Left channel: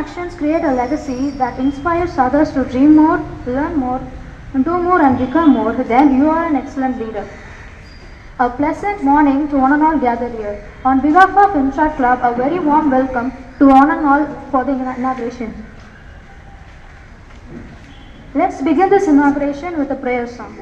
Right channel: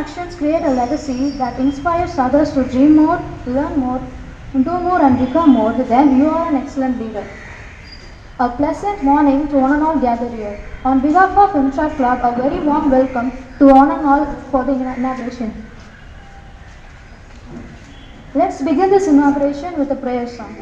actions create a legacy that inspires others to dream more, learn more, do more and become more, then you are an excellent leader. A pleasant morning to one and all gathered here. On behalf of Imshad Club, a very warm welcome to one and all for the inauguration. Let's begin this inauguration with a prayer song.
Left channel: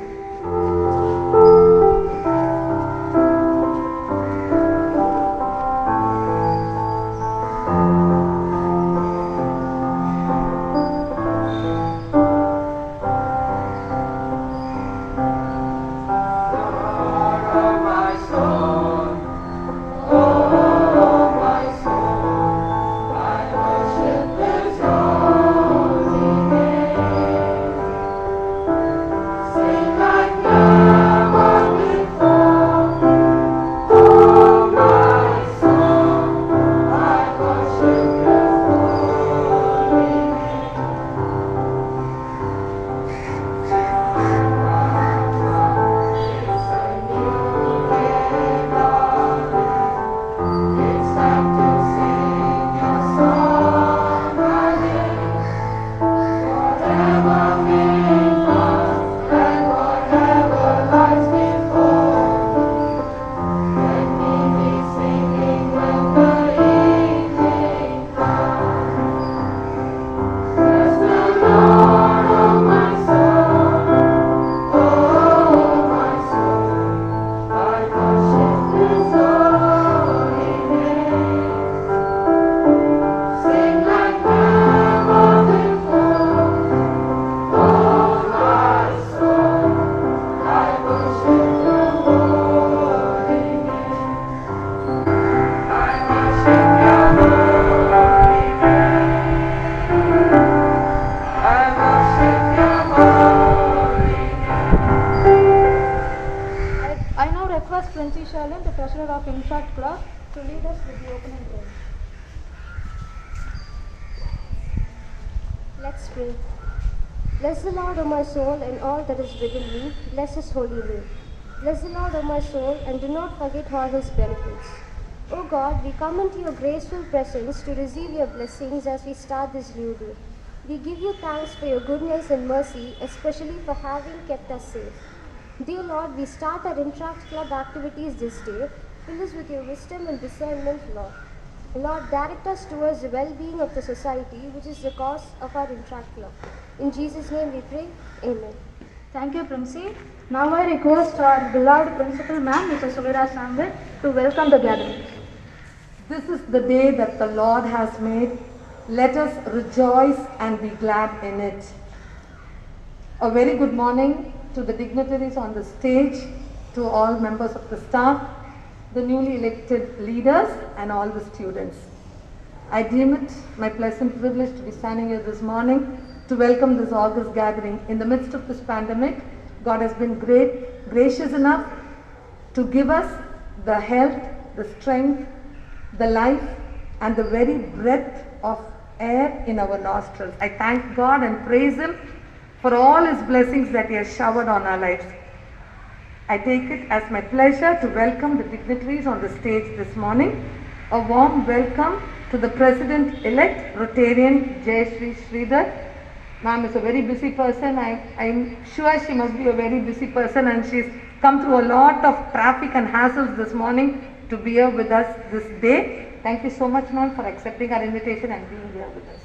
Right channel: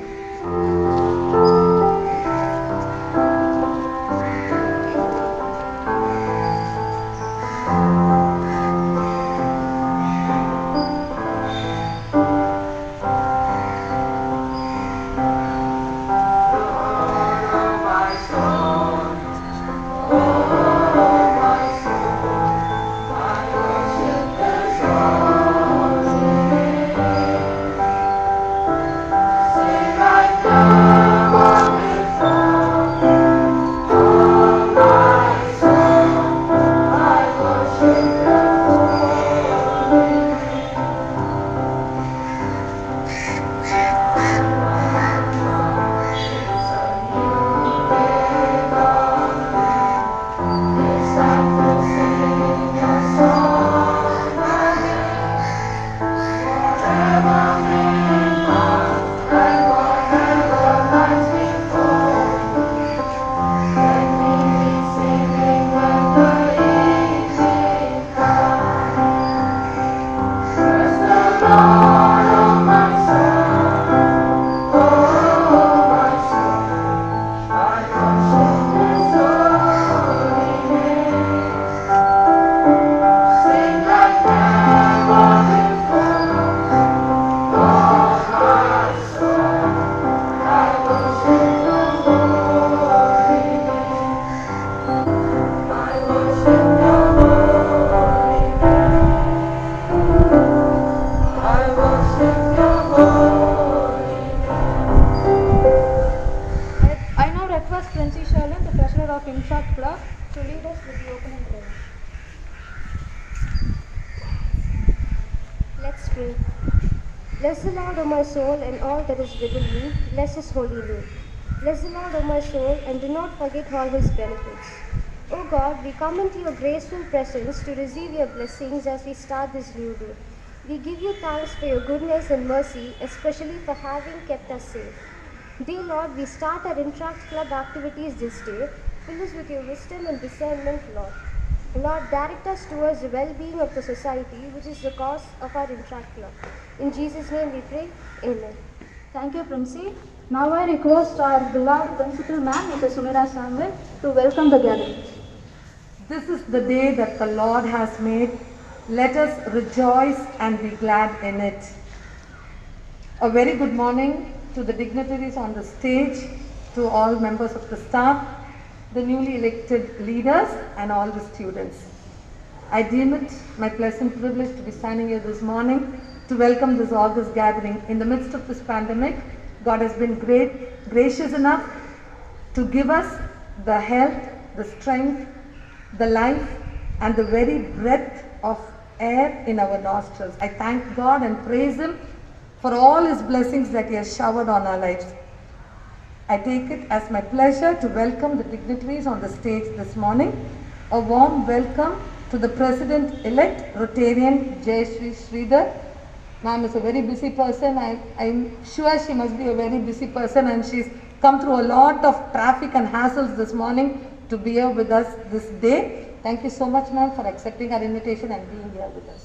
Club to lead us with the opening prayer. Let's pray. Bless the Lord, O my soul, and all that is within me. Bless his holy name. Bless the Lord, O my soul, and do not forget all his benefits. O God, we come into your graceful presence to receive your blessings as we start this new day. We give you thanks for your goodness and mercy, especially for having kept us safe. Dear Lord, we start our Interact Club activities this day. Fill us with your wisdom and discernment, Lord. Lord, direct us towards the well-being of the society, which is the cause of our Interact Club. In Jesus' name we pray. Amen. Thank you, Princy. Now I request our beloved principal man, Mr. Suvira Samuel, to welcome the gathering. This is the day that the Lord has made. Let us rejoice and be glad in it. A very good morning to the dignitaries on the stage, to all members of the staff, the newly elected leaders, and all the students. I deem it my pleasant privilege to be standing here this morning to welcome this August gathering. In the midst of this pandemic, God has been gracious enough to give us the health, the strength, the life, and the very breath of air in our nostrils. I thank God and praise Him for all His blessings that He has showered on our lives. I take it as my pleasure to welcome the dignitaries on the stage this morning. A warm welcome to the President-elect, Rotarian Jayashree Sridhar. Ma'am is a very busy person. I'm sure she must be a very busy person, and she's come through a lot of traffic and hassles this morning to be here with us this day. Thank you so much, ma'am, for accepting our invitation and being here with us.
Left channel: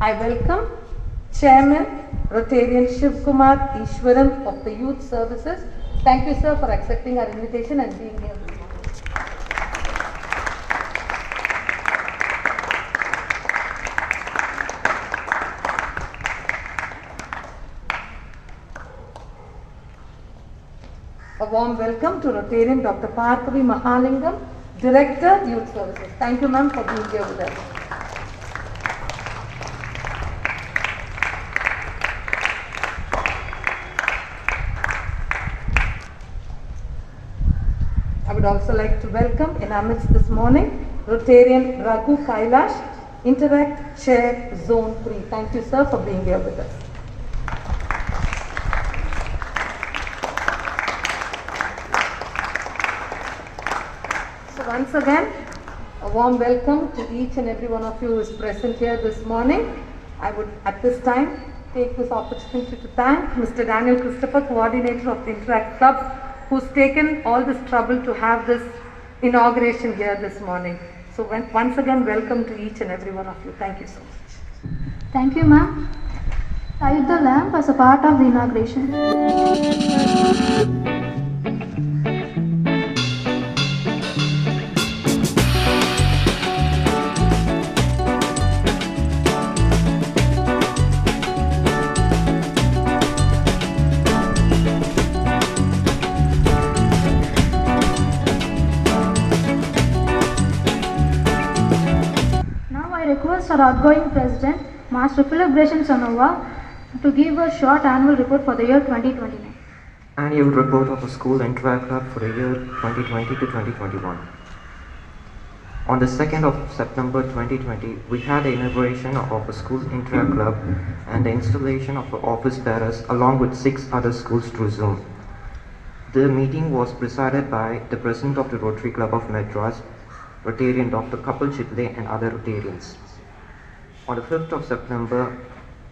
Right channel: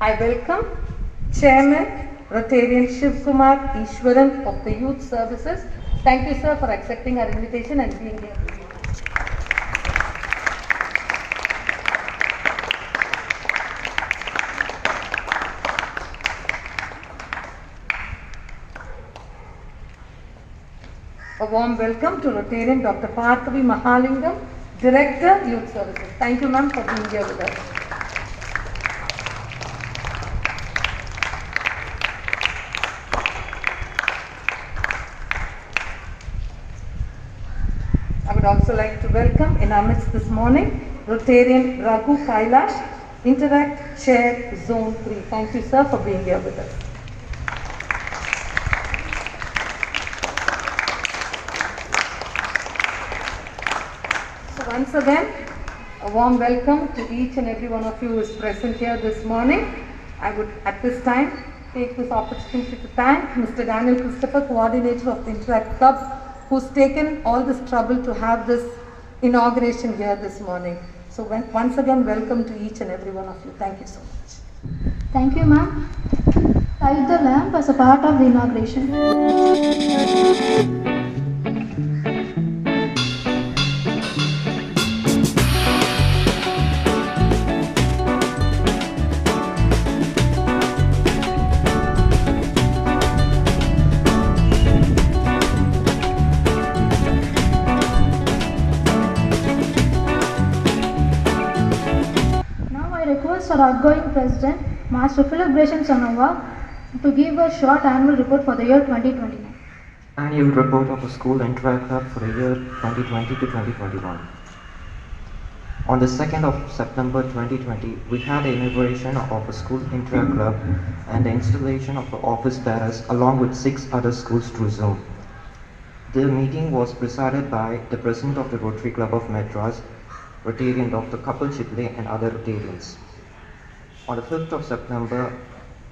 I welcome Chairman Rotarian Shiv Kumar Ishwaran of the Youth Services. Thank you, sir, for accepting our invitation and being here. A warm welcome to Rotarian Dr. Parthavi Mahalingam, Director, Youth Services. Thank you, ma'am, for being here with us. I would also like to welcome in our midst this morning Rotarian Raghu Kailash, Interact Chair Zone 3. Thank you, sir, for being here with us. So once again, a warm welcome to each and every one of you who is present here this morning. I would at this time take this opportunity to thank Mr. Daniel Christopher, coordinator of the Interact Club, who's taken all this trouble to have this inauguration here this morning. So once again, welcome to each and every one of you. Thank you so much. Thank you, ma'am. Light the lamp as a part of the inauguration. Now I request our outgoing president, Master Philip Gresham Sanova, to give a short annual report for the year 2029. Annual report of the school Interact Club for the year 2020 to 2021. On the 2nd of September 2020, we had the inauguration of the school Interact Club and the installation of the office bearers along with 6 other schools through Zoom. The meeting was presided by the President of the Rotary Club of Madras, Rotarian Dr. Kapil Chitle and other Rotarians. On the 5th of September,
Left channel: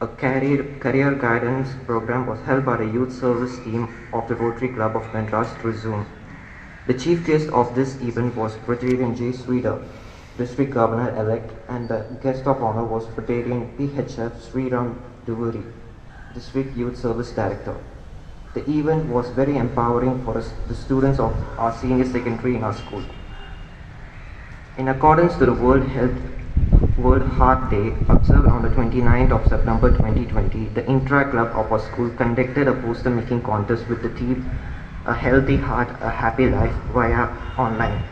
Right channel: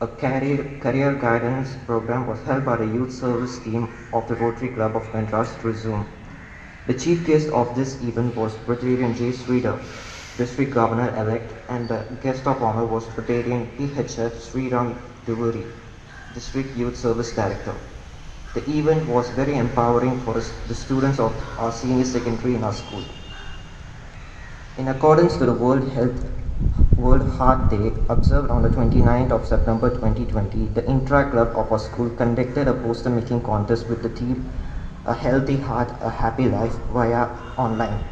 a career guidance program was held by the youth service team of the Rotary Club of Madras through Zoom. The chief guest of this event was Rotarian J. Sridhar, District Governor-elect, and the guest of honor was Rotarian PHF Sriram Duvuri, District Youth Service Director. The event was very empowering for the students of our senior secondary in our school. In accordance to the World Heart Day observed on the 29th of September 2020, the Interact Club of our school conducted a poster making contest with the theme A Healthy Heart, A Happy Life via online.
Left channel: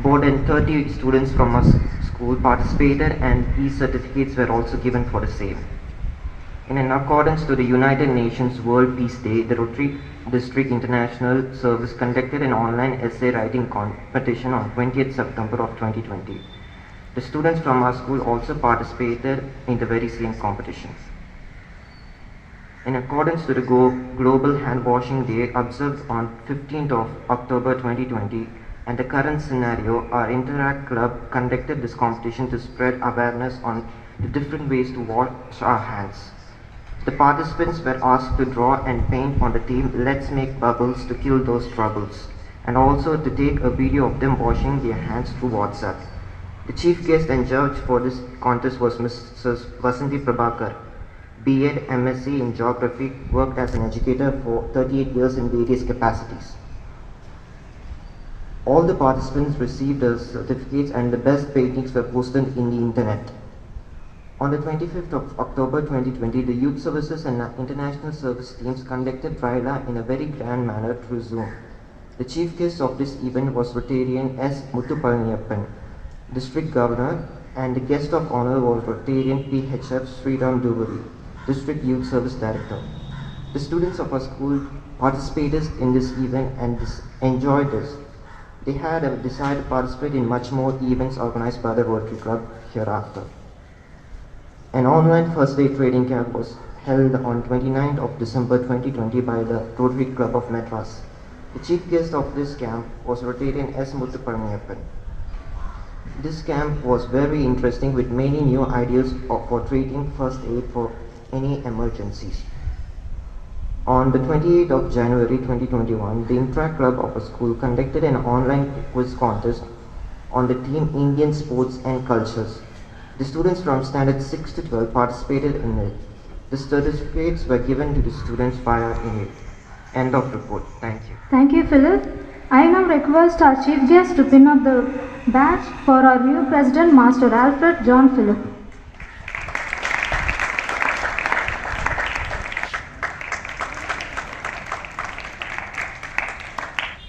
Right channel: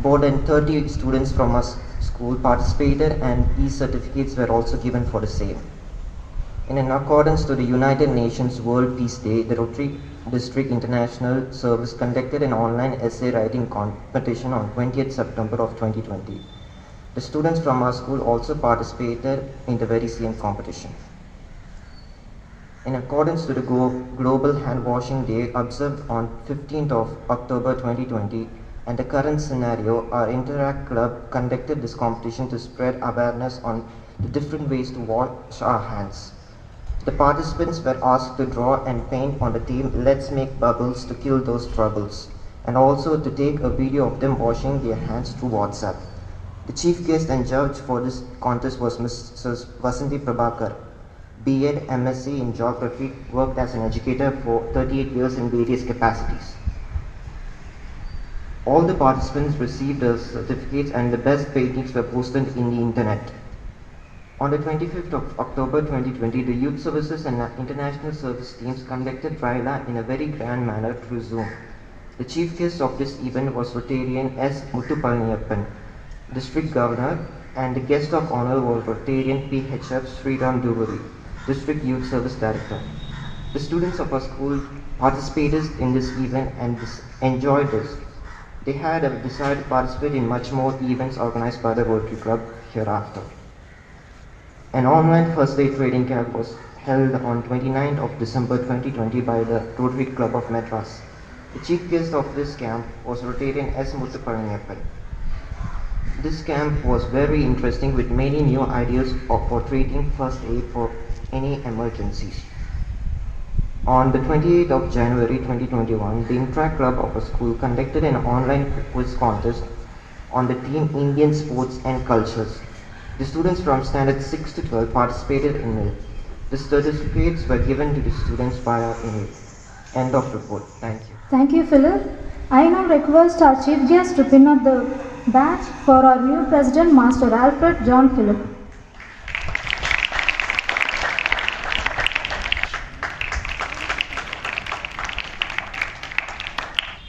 More than 30 students from our school participated and e-certificates were also given for the same. In accordance to the United Nations World Peace Day, the Rotary District International Service conducted an online essay writing competition on 20th September of 2020. The students from our school also participated in the very same competition. In accordance to the Global Hand Washing Day observed on 15th of October 2020 and the current scenario, our Interact Club conducted this competition to spread awareness on the different ways to wash our hands. The participants were asked to draw and paint on the theme Let's Make Bubbles to Kill Those Troubles, and also to take a video of them washing their hands through WhatsApp. The chief guest and judge for this contest was Mrs. Vasanthi Prabhakar, B.Ed. MSc in Geography, worked as an educator for 38 years in various capacities. All the participants received their certificates and the best paintings were posted in the internet. On the 25th of October 2020, the Youth Services and International Service teams conducted Raila in a very grand manner through Zoom. The chief guest of this event was Rotarian S. Muthupalniyappan, District Governor, and the guest of honor was Rotarian PHF Sriram Duvuri, District Youth Service Director. The students of our school participated in this event and enjoyed this. They had decided to participate in much more events organized by the Rotary Club hereafter. An online first day trading camp was held on 29th of December 2020 by the Rotary Club of Madras. The chief guest of this camp was Rotarian S. Muthupalniyappan. This camp was very interesting with many new ideas for treating first aid for any emergencies. On the 28th of January 2021, the Interact Club of a school conducted an online quiz contest on the theme Indian Sports and Cultures. The students from standard 6 to 12 participated in it. The certificates were given to the students via email. End of report. Thank you. Thank you, Philip. I now request our chief guest to pin up the badge for our new president, Master Alfred John Philip.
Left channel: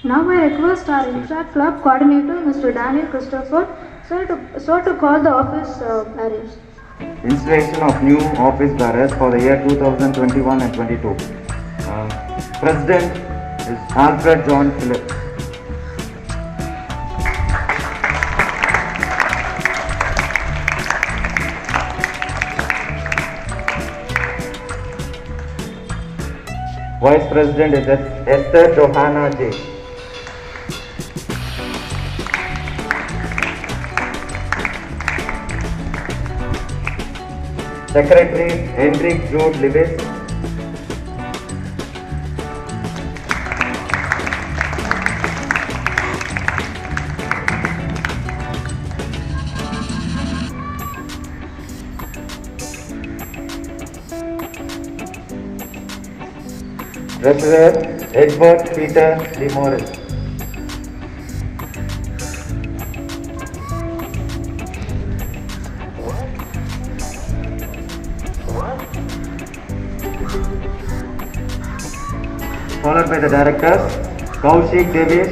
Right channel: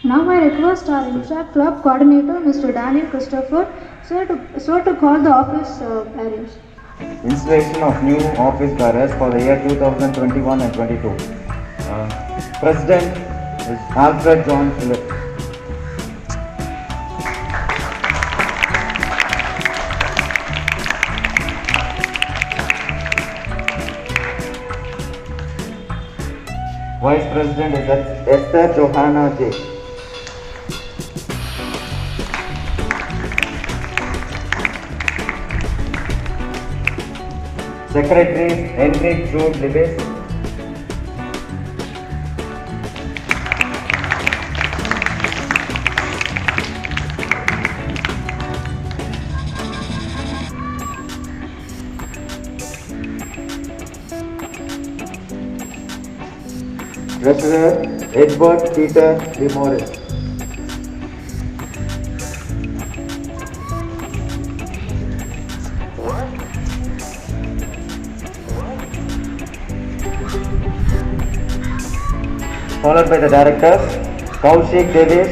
Now I request our Interact Club coordinator, Mr. Daniel Christopher, sir to call the office bearers. Installation of new office bearers for the year 2021 and 22. President is Alfred John Philip. Vice President is Esther Johanna J. Secretary Hendrik Jude Lewis. Treasurer Edward Peter DeMorris. Followed by the directors, Kaushik Davis,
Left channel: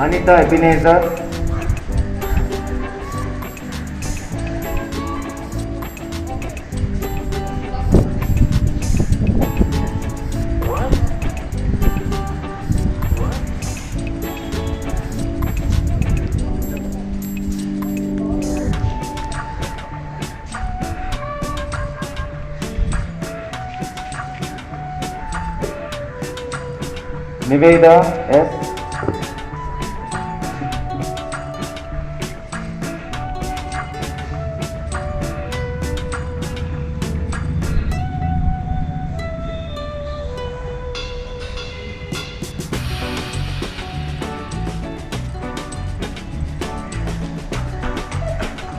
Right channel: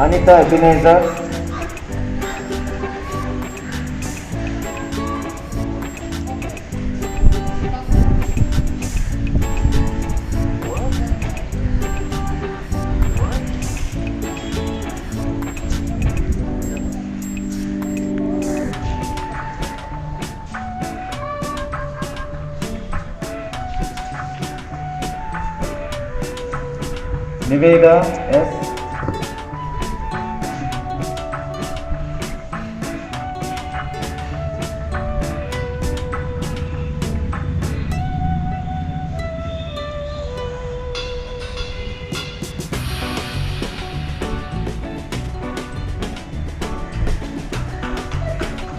Anita Ebenezer, Niveda S.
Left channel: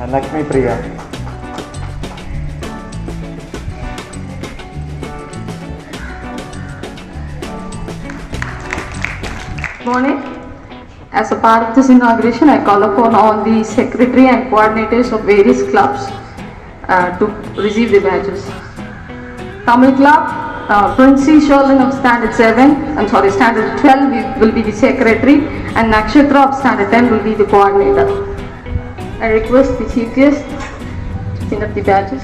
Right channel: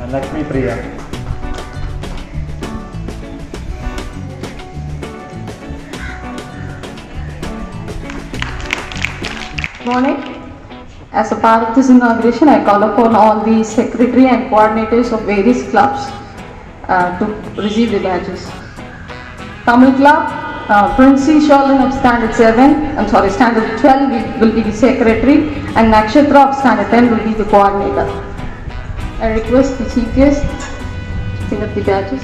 And Lakshmi Priya. Morning. As a part of this inauguration, I call upon all the secretary and coordinators of various clubs to receive the badges. Tamil Club, Princey Sherlin of Standard 7, Standard 12 will be the secretary, and Nakshatra of Standard 10 will be the coordinator. I request the chief guest to pick up the badges.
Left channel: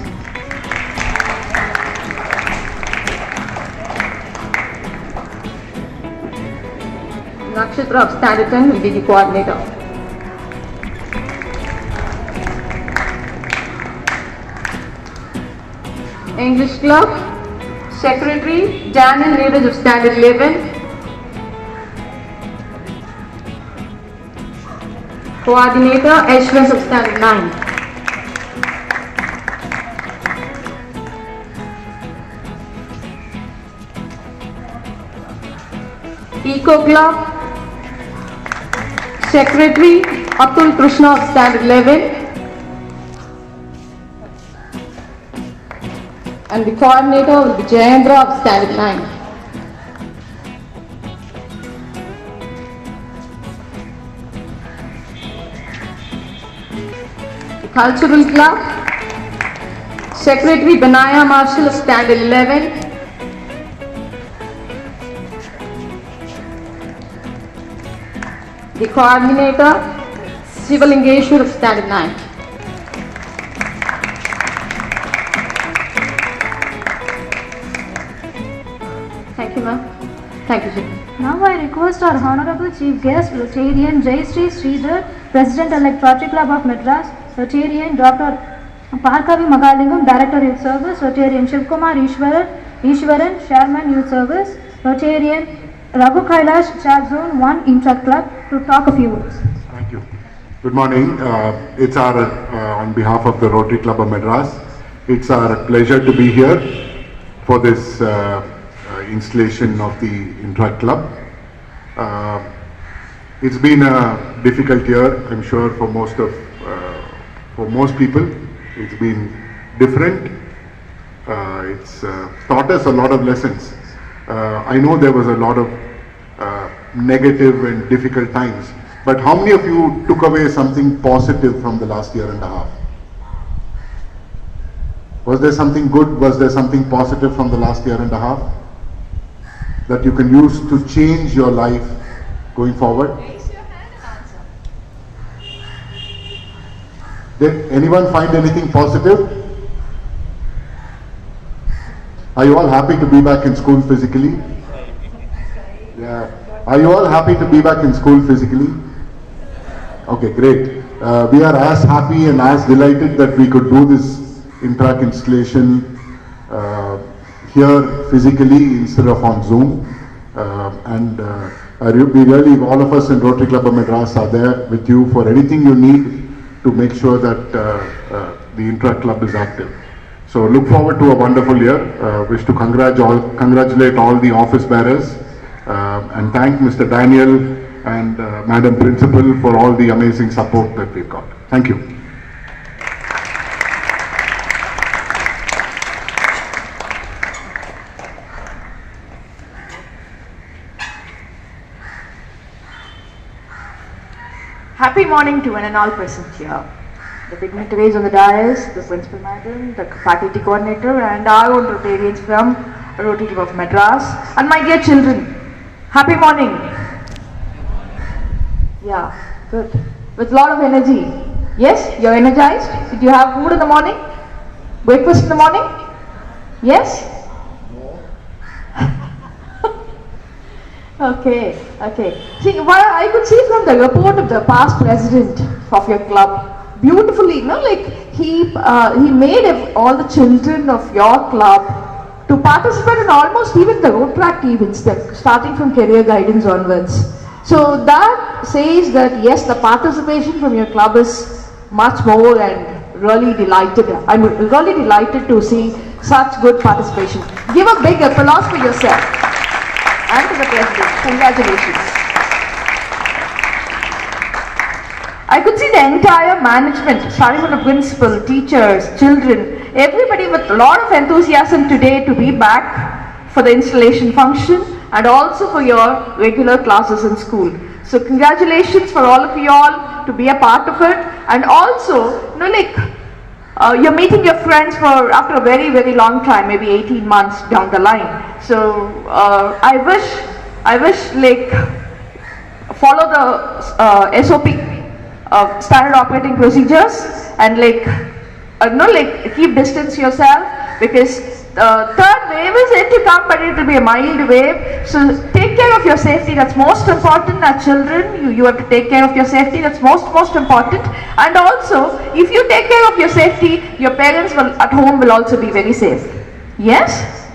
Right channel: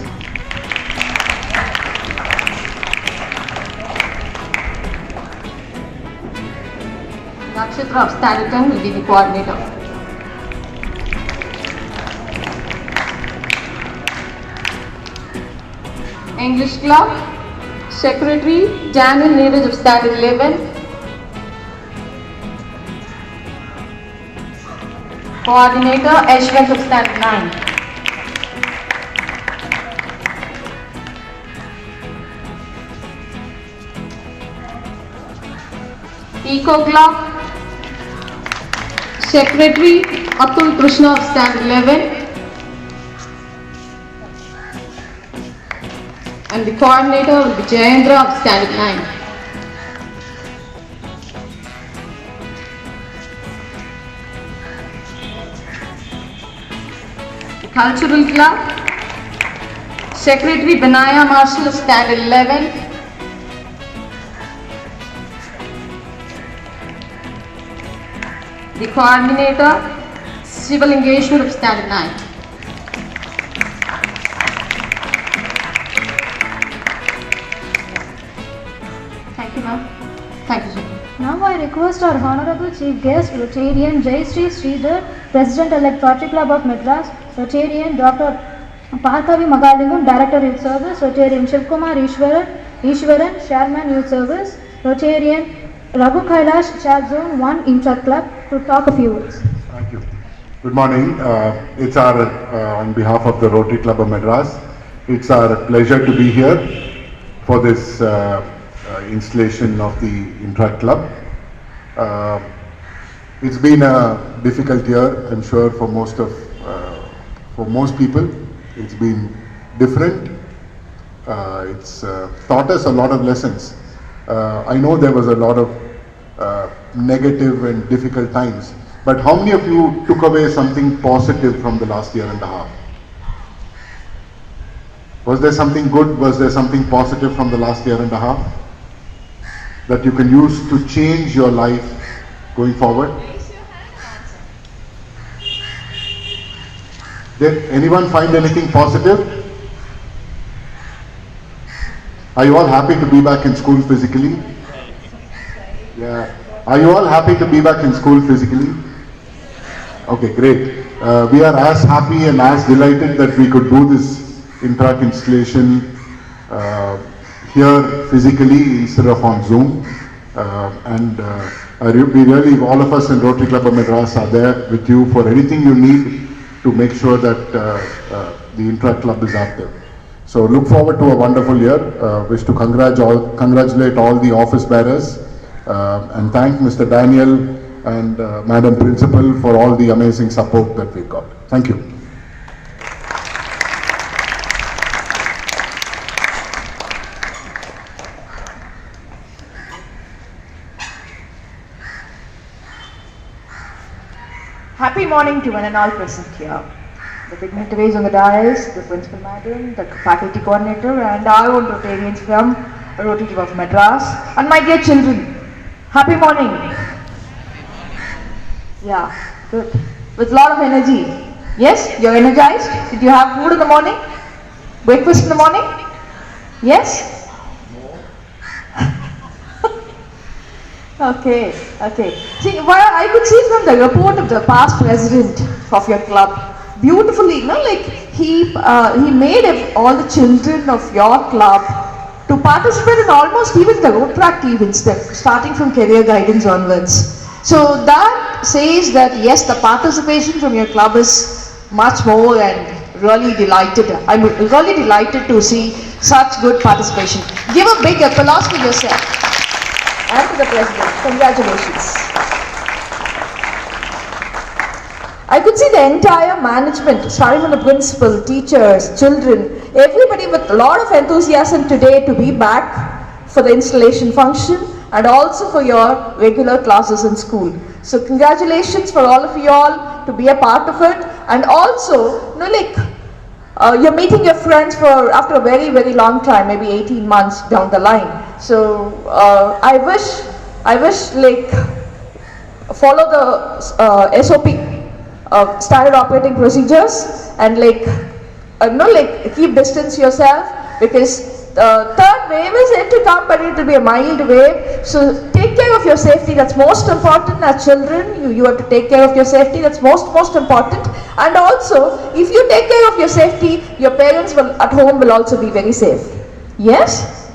Nakshatra of Standard 10 will be the coordinator. English Club, Secretary Daniel Neeraj of Standard 11. Coordinator Ashwin of Standard 9. Eco Club, Secretary Atul Krishna of Standard 11. And the coordinator will be Jayendra of Standard 9. The Cultural Club, Secretary Benaya Marshall of Standard 11. The coordinator Sivalingeshwar of Standard 9. Thank you, ma'am. Thank you, sir. Now I request our Honorable Chief Guest, Rotarian Jayashree Sridhar, President-elect Rotary Club of Madras, Rotarian Dr. Parkavi Magalingam, Director Youth Service, Rotarian Shivkumar Ishwaran, Chairman Youth Service, Rotarian Raghu Kailash, Chair Zone 1 Intra Club, to talk a few words. Thank you. Good morning. It's our, on behalf of the Rotary Club of Madras, it's our pleasure to be here for this installation of the Intra Club. It's been a difficult year, I'm sure, for most people. It's been different. It's taught us a lot of lessons. I know there was a lot of negative and difficult times, but how many of you took away something positive from the last year and a half? Was there something good? Was there something positive from the last year and a half that you can use to change your life going forward? Did anyone find anything positive? Are you all happy to be back in school physically? Yeah. Are you all happy to be back in school physically? Okay, great. we are as happy and as delighted that we could do this Interact installation here physically instead of on Zoom. We really, all of us in Rotary Club of Madras are there with you for anything you need to make sure that the Interact Club is active. So look forward to a wonderful year. Wish to congratulate all the office bearers and thank Mr. Daniel and Madam Principal for all the amazing support that we've got. Thank you. Happy morning to one and all present here. The dignitaries on the dais, the principal madam, the faculty coordinator, and our own Rotarians from Rotary Club of Madras, and my dear children. Happy morning. Yeah, good. With a lot of energy. Yes, you're energized? Did you have food in the morning? Breakfast in the morning? Yes? Okay. See, I could see from the report of the past president of your club, beautifully, he made all the children of your club to participate in almost even the Rotaract events, starting from career guidance onwards. So that says that yes, the participation from your club is much more, and really delighted. I'm really delighted to see such good participation. Give a big applause for yourself and to the president. Congratulations. I could see the entire management, starting from the principal, teachers, children, everybody with a lot of enthusiasm today to be back for the installation function and also for your regular classes in school. So congratulations for all of you all to be a part of it, and also, you're meeting your friends after a very, very long time, maybe 18 months down the line. So I wish follow the SOP, standard operating procedures, and keep distance yourself, because the third wave is yet to come, but it will be a mild wave. So take care of your safety. That's most important. As children, you have to take care of your safety. That's most important. And also, if you take care of your safety, your parents at home will also be very safe. Yes?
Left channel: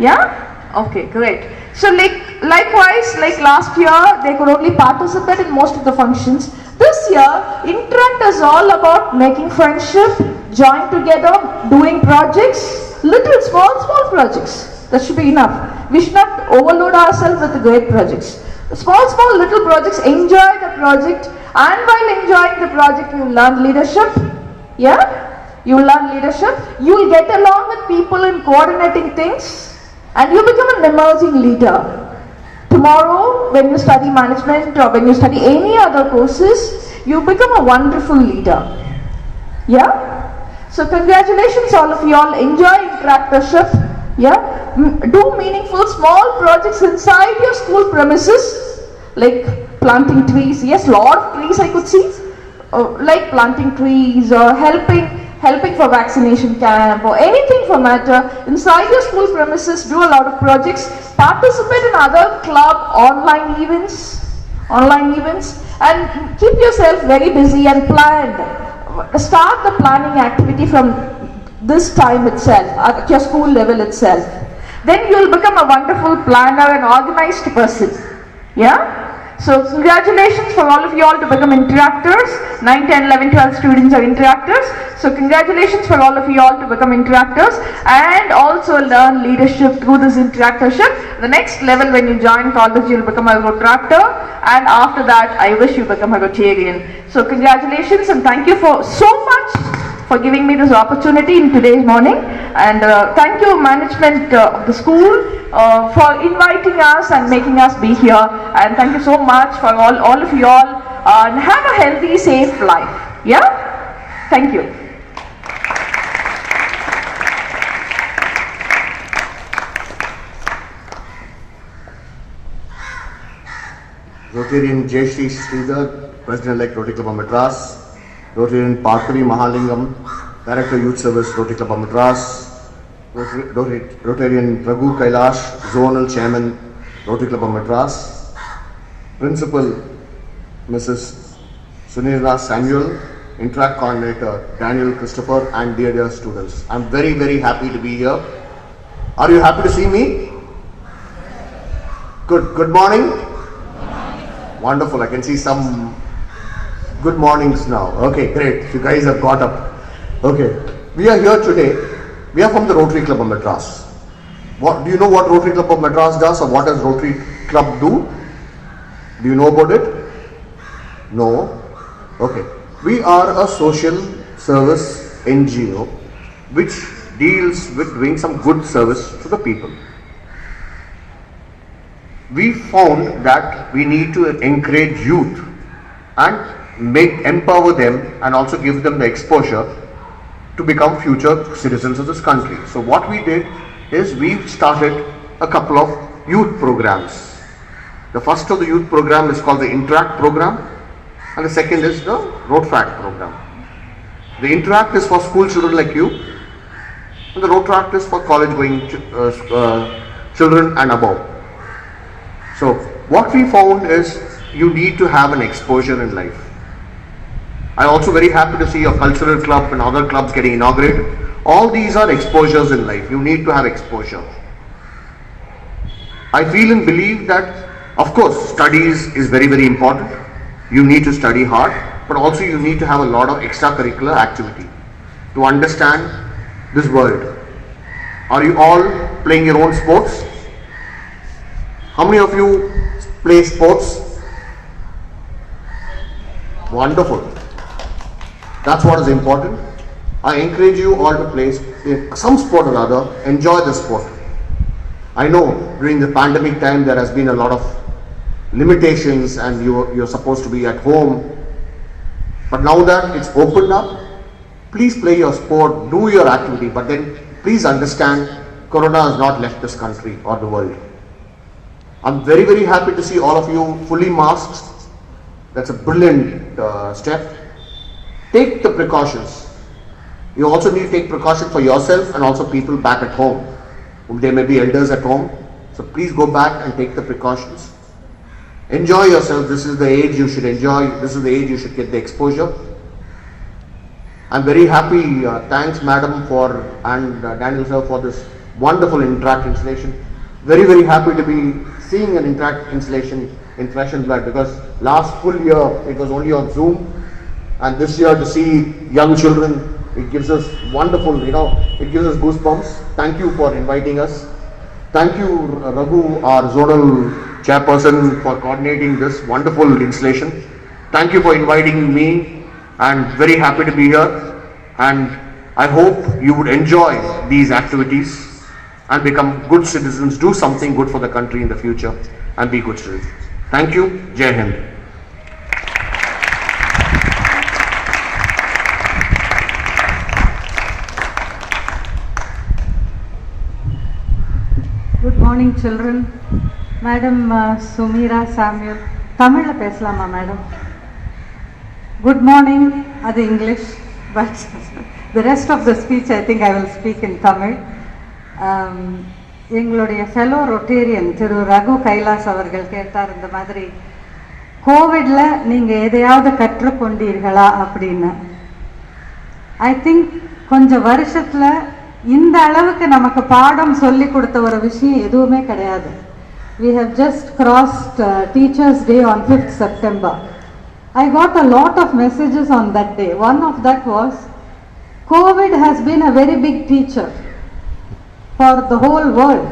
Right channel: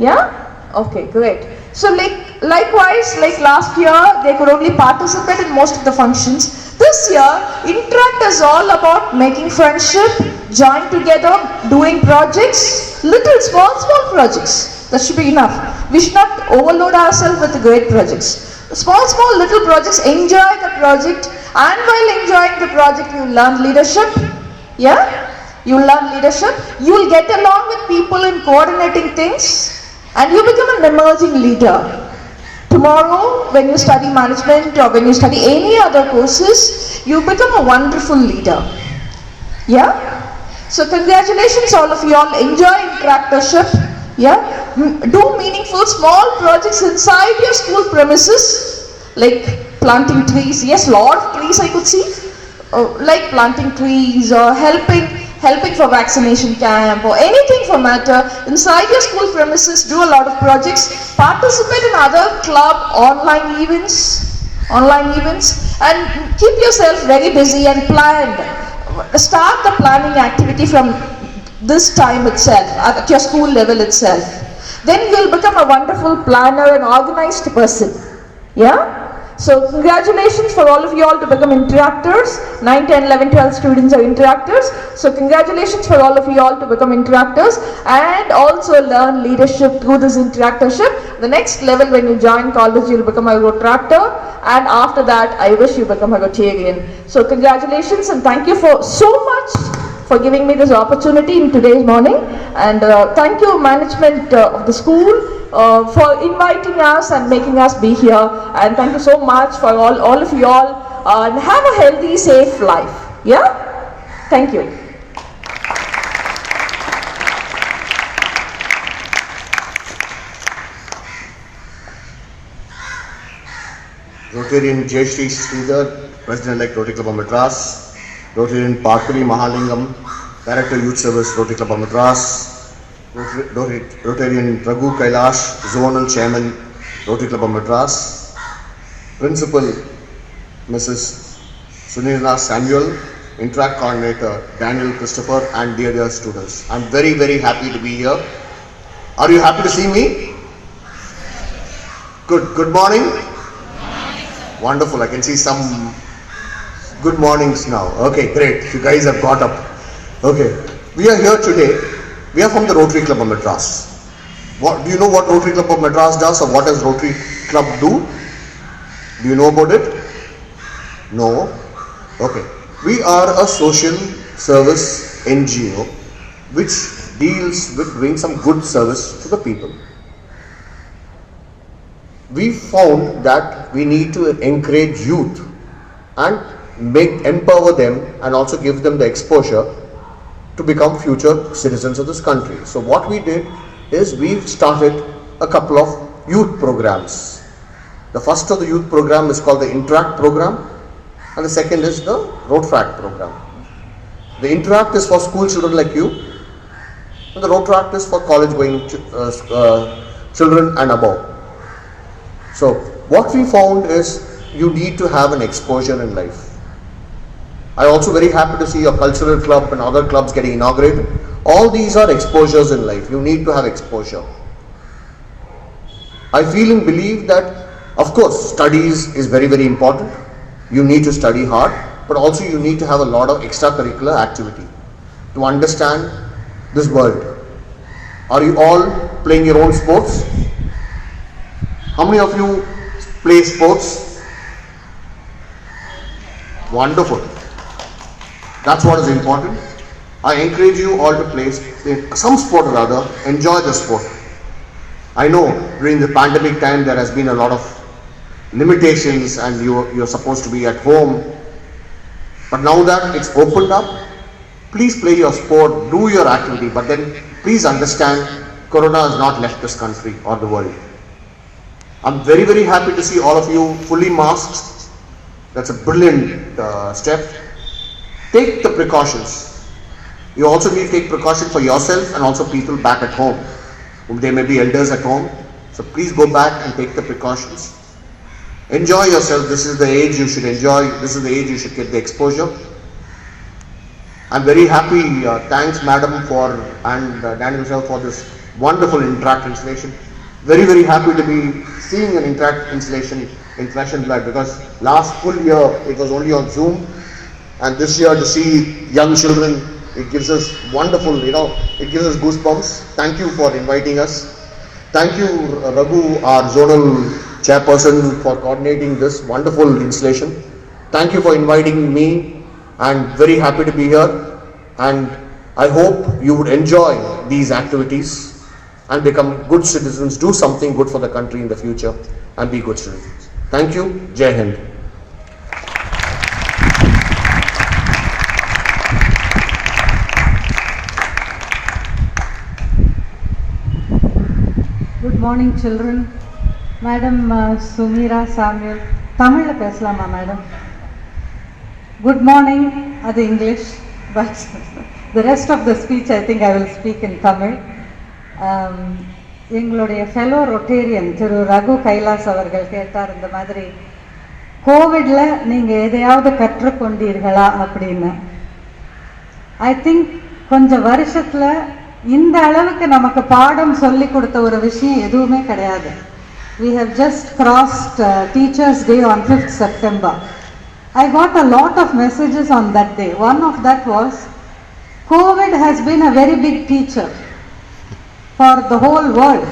Yeah? Okay, great. So likewise, like last year, they could only participate in most of the functions. This year, Interact is all about making friendship, join together, doing projects, small projects. That should be enough. We should not overload ourselves with great projects. Small little projects, enjoy the project, and while enjoying the project, you learn leadership. Yeah? You learn leadership. You will get along with people in coordinating things, and you become an emerging leader. Tomorrow, when you study management or when you study any other courses, you become a wonderful leader. Yeah? So congratulations all of you all. Enjoy interactorship. Yeah? Do meaningful small projects inside your school premises, like planting trees. Yes, lot of trees I could see. Like planting trees or helping for vaccination camp or anything for matter. Inside your school premises, do a lot of projects. Participate in other club online events, and keep yourself very busy and planned. Start the planning activity from this time itself, at your school level itself. Then you will become a wonderful planner and organized person. Yeah? So congratulations for all of you all to become interactors. 9, 10, 11, 12 students are interactors. So congratulations for all of you all to become interactors and also learn leadership through this interactorship. The next level, when you join college, you will become a Rotaractor, and after that I wish you become a Rotarian. So congratulations and thank you for so much for giving me this opportunity in today's morning, and thank you management of the school for inviting us and making us be here, and thank you so much for all of you all, and have a healthy, safe life. Yeah? Thank you. Rotarian Jayashree Sridhar, President-elect Rotary Club of Madras. Rotarian Parkavi Mahalingam, Director Youth Service, Rotary Club of Madras. Rotarian Raghu Kailash, Zonal Chairman, Rotary Club of Madras. Principal Mrs. Sunila Samuel, Interact Coordinator Daniel Christopher, and dear students. I'm very, very happy to be here. Are you happy to see me? Good morning. Wonderful, I can see some good mornings now. Okay, great, you guys have got up. Okay, we are here today. We are from the Rotary Club of Madras. Do you know what Rotary Club of Madras does, or what does Rotary Club do? Do you know about it? No? Okay. We are a social service NGO which deals with doing some good service to the people. We found that we need to encourage youth and empower them and also give them the exposure to become future citizens of this country. So what we did is we started a couple of youth programs. The first of the youth program is called the Interact program, and the second is the Rotract program. The Interact is for school children like you, and the Rotract is for college going children and above. So what we found is you need to have an exposure in life. I also very happy to see your cultural club and other clubs getting inaugurated. All these are exposures in life. You need to have exposure. I feel and believe that, of course, studies is very, very important. You need to study hard, but also you need to have a lot of extracurricular activity to understand this world. Are you all playing your own sports? How many of you play sports? Wonderful. That's what is important. I encourage you all to play some sport or other. Enjoy the sport. I know during the pandemic time there has been a lot of limitations and you're supposed to be at home. But now that it's opened up, please play your sport, do your activity, but then please understand Corona has not left this country or the world. I'm very, very happy to see all of you fully masked. That's a brilliant step. Take the precautions. You also need to take precaution for yourself and also people back at home. There may be elders at home. So please go back and take the precautions. Enjoy yourself. This is the age you should enjoy. This is the age you should get the exposure. I'm very happy. Thanks, Madam, and Daniel sir for this wonderful Interact installation. Very, very happy to be seeing an Interact installation in Flesh and Blood, because last full year it was only on Zoom, and this year to see young children, it gives us wonderful, it gives us goosebumps. Thank you for inviting us. Thank you, Raghu, our zonal chairperson, for coordinating this wonderful installation. Thank you for inviting me, and very happy to be here. And I hope you would enjoy these activities and become good citizens, do something good for the country in the future, and be good citizens. Thank you. Jai Hind. Good morning, children. Madam Sumira Samuel. Tamil pesalama, madam. Good morning, that's English, but the rest of the speech I think I will speak in Tamil. எங்களுடைய fellow Rotarian திரு ரகு கைலாஸ் அவர்கள் கேட்டார் இந்த மாதிரி, கோவிடில் நீங்கள் எதையாவது கற்றுக்கொண்டீர்களா அப்படின்னு. I think கொஞ்சம் வருஷத்தில் இந்த அளவுக்கு நமக்கு பாடம் சொல்லி கொடுத்த ஒரு விஷயம் எதுவுமே கிடையாது. We have just crossed Teachers' Day on 5th September. I got a lot of messages on that day. One of that was, COVID has been a very big teacher for the whole world.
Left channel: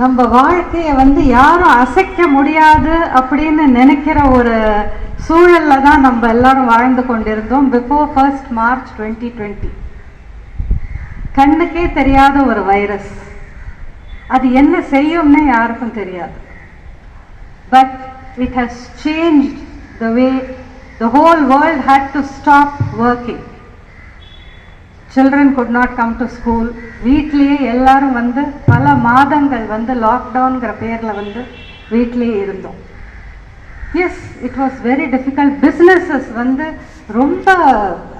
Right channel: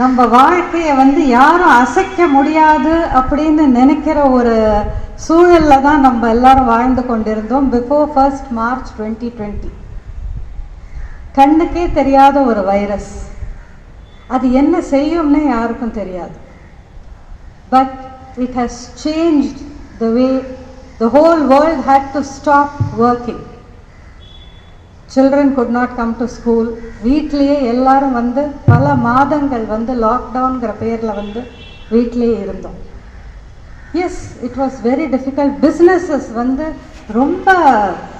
நம்ம வாழ்க்கையை யாரும் அசைக்க முடியாது அப்படின்னு நினைக்கிற ஒரு சூழல்ல தான் நம்ம எல்லாரும் வாழ்ந்து கொண்டிருந்தோம். பிஃபோர் 1st March 2020 கண்ணுக்கே தெரியாத ஒரு வைரஸ், அது என்ன செய்யும்னே யாருக்கும் தெரியாது. But it has changed the way the whole world had to stop working. Children could not come to school. வீட்லயே எல்லாரும் பல மாதங்கள் லாக்டவுன்ங்கிற பேர்ல வீட்லயே இருந்தோம். Yes, it was very difficult. Businesses ரொம்ப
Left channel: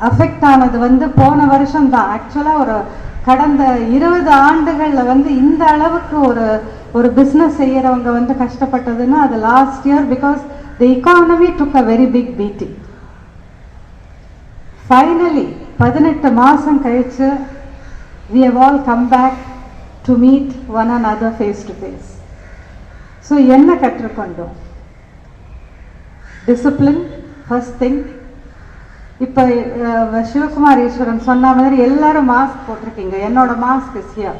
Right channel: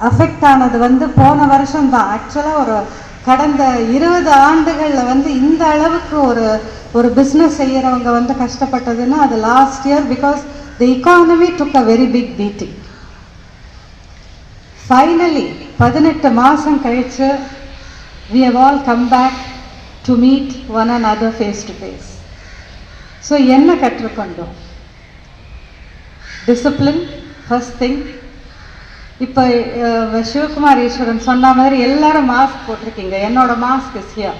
அஃபெக்ட் ஆனது போன வருஷம் தான். ஆக்சுவலா ஒரு கடந்த 20 ஆண்டுகள்ல இந்த அளவுக்கு ஒரு பிஸ்னஸ் செய்யறவங்க கஷ்டப்பட்டதுன்னா அது last year, because the economy took a very big beating. Finally, 18 மாசம் கழிச்சு we have all come back to meet one another face to face. So என்ன கற்றுக்கொண்டோம்? Discipline, first thing. இப்போ சிவகுமார் ஈஸ்வரன் சொன்ன மாதிரி எல்லாரும் மாஸ்க் போட்டிருக்கீங்க, என்னோட mask is here.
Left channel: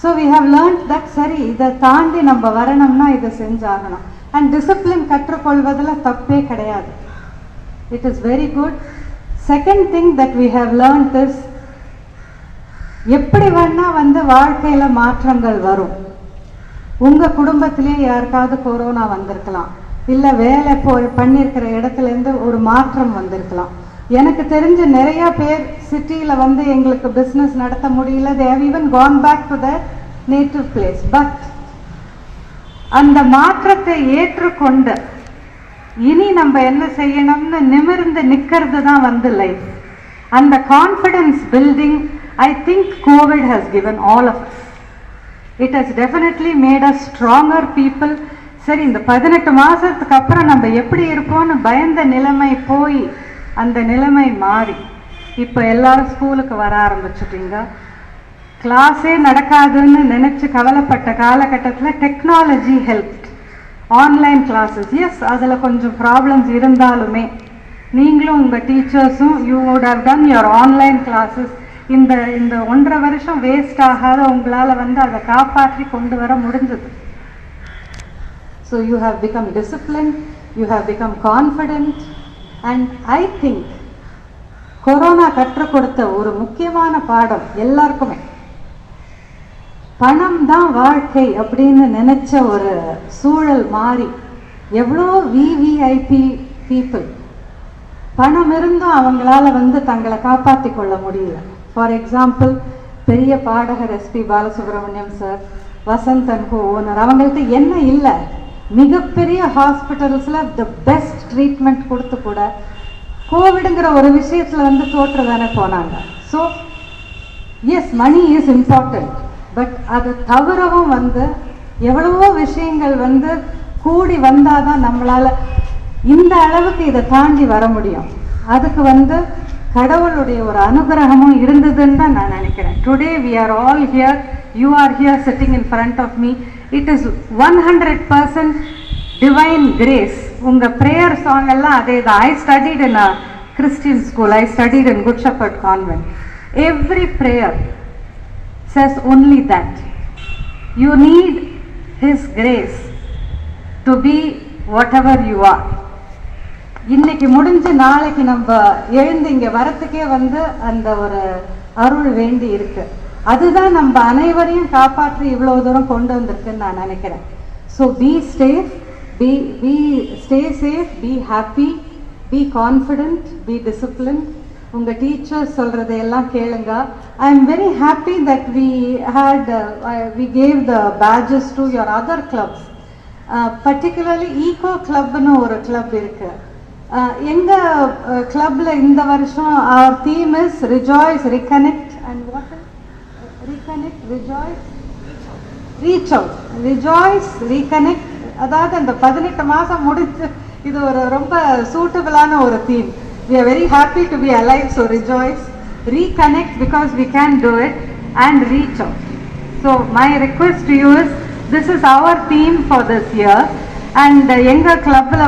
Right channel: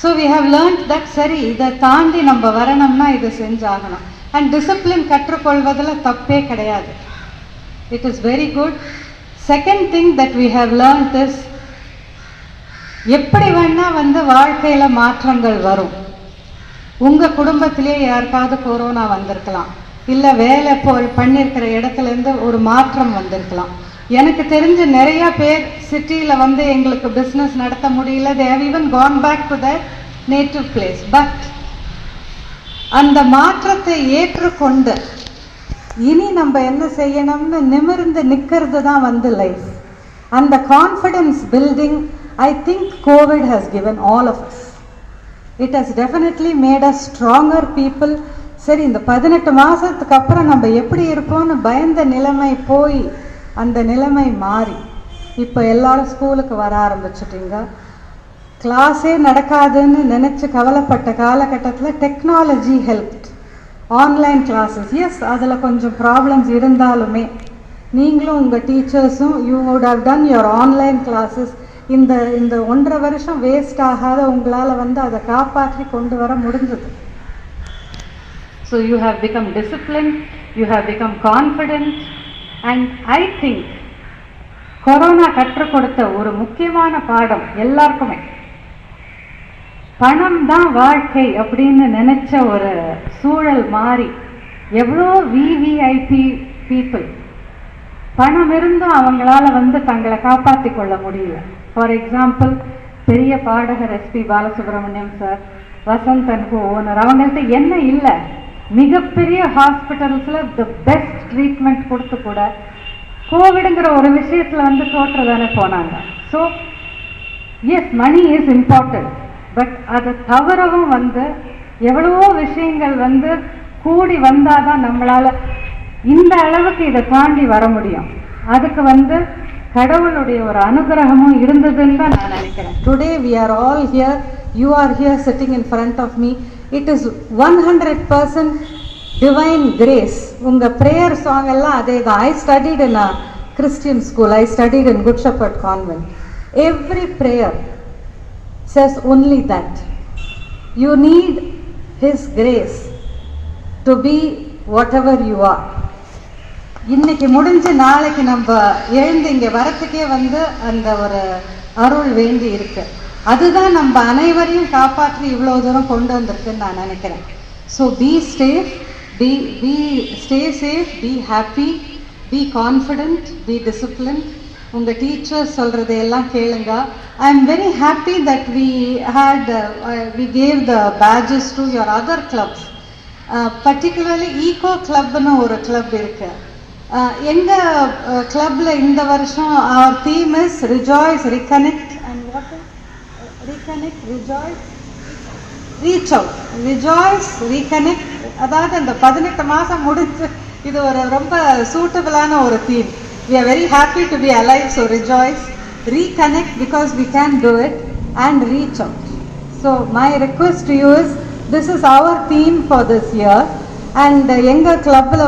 So we have learnt that சரி, இதை தாண்டி நம்ம வரணும்னா இதை செஞ்சாகணும். அண்ட் டிசிப்ளின் கற்றுக்கொள்வதில் தப்பே கிடையாது. It is very good. Second thing that we have learnt is, எப்படி வேணா வாழ்க்கையில் மாற்றங்கள் வரும். உங்கள் குடும்பத்திலே யாருக்காவது கொரோனா வந்திருக்கலாம், இல்லை வேலை பண்ணியிருக்கிற இடத்துலேருந்து ஒரு மாற்றம் வந்திருக்கலாம். எனக்கு தெரிஞ்ச நிறைய பேர் சிட்டியில் எங்களுக்கு பிஸ்னஸ் நடத்த முடியல. they have even gone back to their native place. But அந்த மாற்றத்தை ஏற்றுக்கொண்டு இனி நம்ம என்ன செய்யணும்னு நிமிர்ந்து நிற்கிறது தான் லைஃப். அந்த confidence building I think Covid has given all of us. It has definitely made us stronger people. சரி, இந்த 18 மாதத்துக்கு அப்புறம் நம்ம எப்படி இருப்போம்னு பயந்த நிலைமை போய் அந்த நிலைமை மாறி இப்போ எல்லாரும் ஸ்கூலுக்கு வர ஆரம்பிச்சிட்டிங்க. கிளாஸே நடக்காதுன்னு நினச்சி கவலைப்பட்ட காலகட்டத்தில் technology helped. Online classes, yes அதில் கொஞ்சம் ப்ராப்ளம்ஸ் இருந்தாலுமே நீங்களும் உங்கள் டீச்சர்ஸும் you would have done your online classes. இந்த 1.5 வருஷம் வேஸ்ட் ஆகாத உங்களால் அதை காப்பாற்றி கொண்டு வர முடிஞ்சது. So you have become discipline, you have become confident. And I think corona கற்றுக் கொடுத்த ஒரு முக்கியமான பாடம் எல்லாருக்குமே, பணம் தான் வாழ்க்கை அப்படின்னு நினைச்ச ஒரு சூழல் மாறி எவ்வளோ விவிஐபி பீப்புள் பணம் இருந்தும் அவங்களால தங்களை காப்பாற்றி கொள்ள முடியல. ஃபார் எக்ஸாம்பிள், பெரிய பாடகர் SP Balasubrahmanyam sir, Vasanth and co owner, அவங்கள்ட்ட என்ன இல்லை, மிகப்பெரிய ஹாஸ்பிட்டல்ஸில் த பெஸ்ட் ட்ரீட்மெண்ட் கொடுத்து கூட கோவிடுங்கிற ஒரு விஷயத்தில் தோற்று தானே போனாங்க. So yes, money is important. But அது தவிரவும் எவ்வளவோ விஷயங்கள் கூடி வந்தால் தான் நம்மளால் இந்த அளவுக்கு இதை தாண்டி வர முடியும். அதுக்கு கடவுளுடைய ஒரு அனுகிரகமும் இருந்ததுன்னு தான் நான் நினைக்கிறேன். Today we are all here, you are here sitting in front of me. It is 100% divine grace. உங்கள் ப்ரேயர் சாங் எல்லாம் அதே தான். I studied in a Christian school. I studied in Good Shepherd Convent. Every prayer says only that. You need His grace to be whatever you are. இன்னைக்கு முடிஞ்சு நாளைக்கு நம்ம எழுந்து இங்கே வரத்துக்கே அந்த ஒரு அருள் வேண்டி இருக்கு. அதுதான் நம்ம அனைவரையும் காப்பாற்றி இவ்வளோ தூரம் கொண்டு வந்திருக்குன்னு நான் நினைக்கிறேன். So be safe, stay safe, be happy, be confident, be discipline. உங்கள் டீச்சர்ஸ் சொல்கிறதையெல்லாம் கேளுங்க. I am very happy that we gave the badges to your other clubs. Particularly eco கிளப்னு ஒரு கிளப் இருக்கு. எங்கள் கிளப்பில் இந்த வருஷம் our theme is Rejoice, Reconnect and what else? Reconnect, rejoice, reach out. Rejoice, reconnect. அதாவது அந்த 18 மாதம் முடிஞ்சு இது ஒரு ரொம்ப சூட்டபிளான ஒரு theme. We are very happy to be alive, so rejoice, reconnect because we can do it, and reach out. So my request to you is, this is our theme for this year. And எங்கள் கிளப்பில்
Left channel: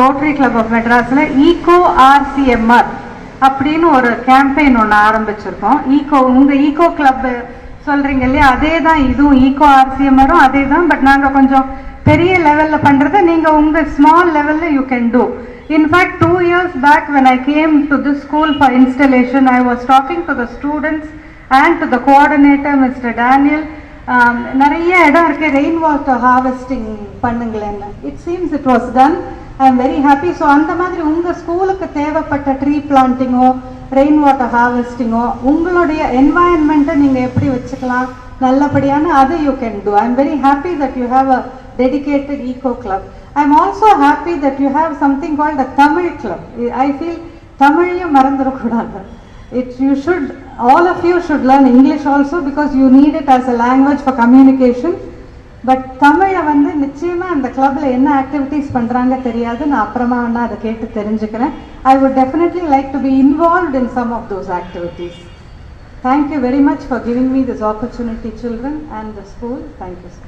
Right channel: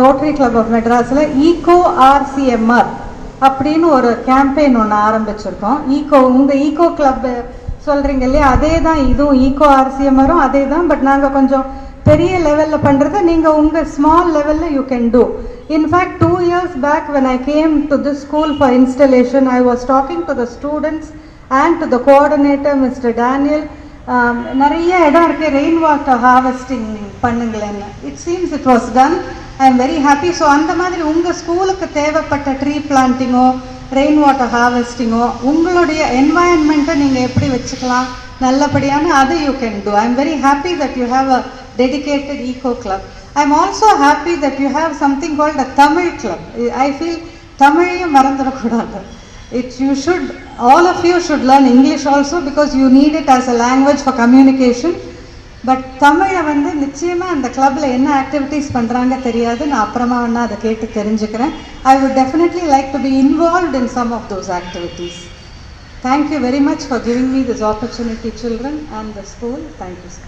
rotary club of மெட்ராஸில் ego RCMR அப்படின்னு ஒரு campaign ஒன்று ஆரம்பிச்சிருக்கோம். Ego, உங்கள் ego club சொல்கிறீங்க இல்லையா, அதே தான் இதுவும். ஈகோ RCMRம் அதே தான். பட் நாங்கள் கொஞ்சம் பெரிய லெவலில் பண்ணுறதை நீங்கள் உங்கள் ஸ்மால் லெவலில் you can two. In fact 2 years back when I came to this school for installation, I was talking to the students and to the coordinator, Mr. Daniel. நிறைய இடம் இருக்குது ரெயின் வாட்டர் ஹார்வெஸ்டிங் பண்ணுங்களேன்னு. It seems it was done. I am very happy. So அந்த மாதிரி உங்கள் ஸ்கூலுக்கு தேவைப்பட்ட tree பிளான்டிங்கோ, ரெயின் வாட்டர் ஹார்வெஸ்டிங்கோ, உங்களுடைய என்வாயன்மெண்ட்டை நீங்கள் எப்படி வச்சுக்கலாம் நல்லபடியான, அதை you can do. I am very happy that you have a dedicated eco club. I am also happy that you have something called a Tamil club. I feel தமிழையும் மறந்துடக்கூடாது. You should, all of you should learn English also because you need it as a language for communication. But தமிழை வந்து நிச்சயமாக அந்த கிளப்பில் என்ன activities பண்ணுறாங்க தெரியாது. நான் அப்புறமா வேணா அதை கேட்டு தெரிஞ்சுக்கிறேன். I would definitely like to be involved in some of those activities. Thank you very much for giving me this opportunity, children and the school. Thank you, sir.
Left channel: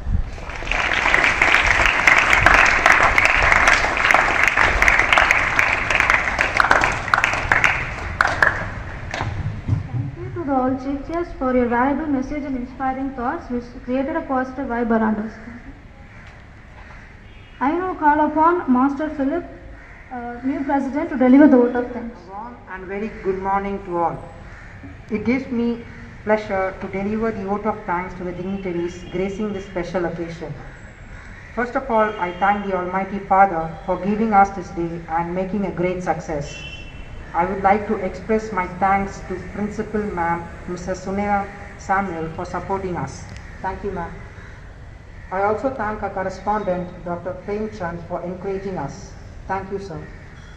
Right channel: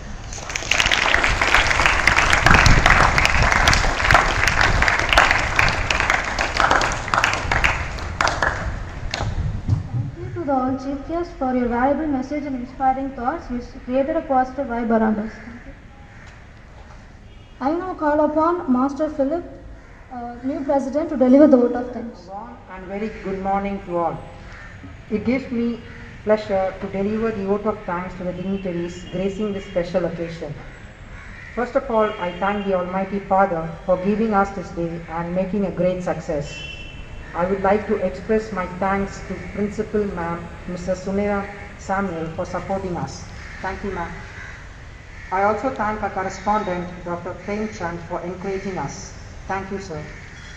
To the all teachers for your valuable message and inspiring thoughts. You created a positive vibe around us. I now call upon Master Philip, new president, to deliver the vote of thanks. Warm and very good morning to all. It gives me pleasure to deliver the vote of thanks to the dignitaries gracing this special occasion. First of all, I thank the Almighty Father for giving us this day and making a great success. I would like to express my thanks to Principal Ma'am, Mrs. Sunera Samuel, for supporting us. Thank you, ma'am. I also thank our correspondent, Dr. Prem Chand, for encouraging us. Thank you, sir.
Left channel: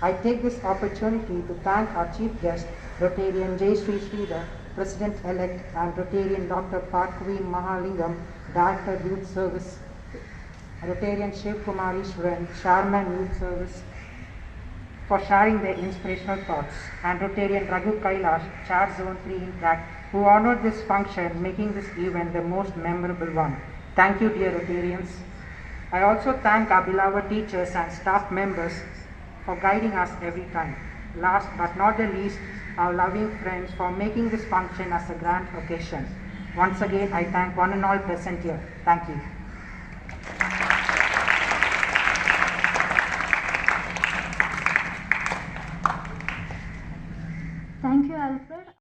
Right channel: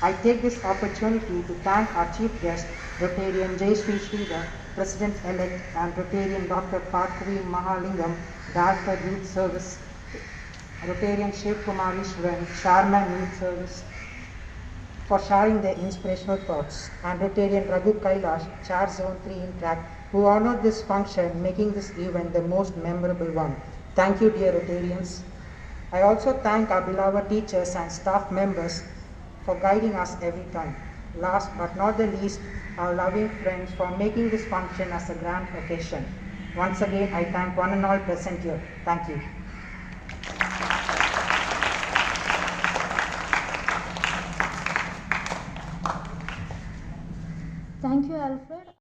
I take this opportunity to thank our chief guest, Rotarian J. Sri Sridhar, President-elect, and Rotarian Dr. Parkavi Mahalingam, Director Youth Service, Rotarian Sheikh Kumar Ishwaran, Chairman Youth Service, for sharing their inspirational thoughts, and Rotarian Raghu Kailash, Chair Zone 3 Interact, who honored this function, making this event the most memorable one. Thank you, dear Rotarians. I also thank our beloved teachers and staff members for guiding us every time. Last but not the least, our loving friends for making this function as a grand occasion. Once again, I thank one and all present here. Thank you. Thank you, Alfred.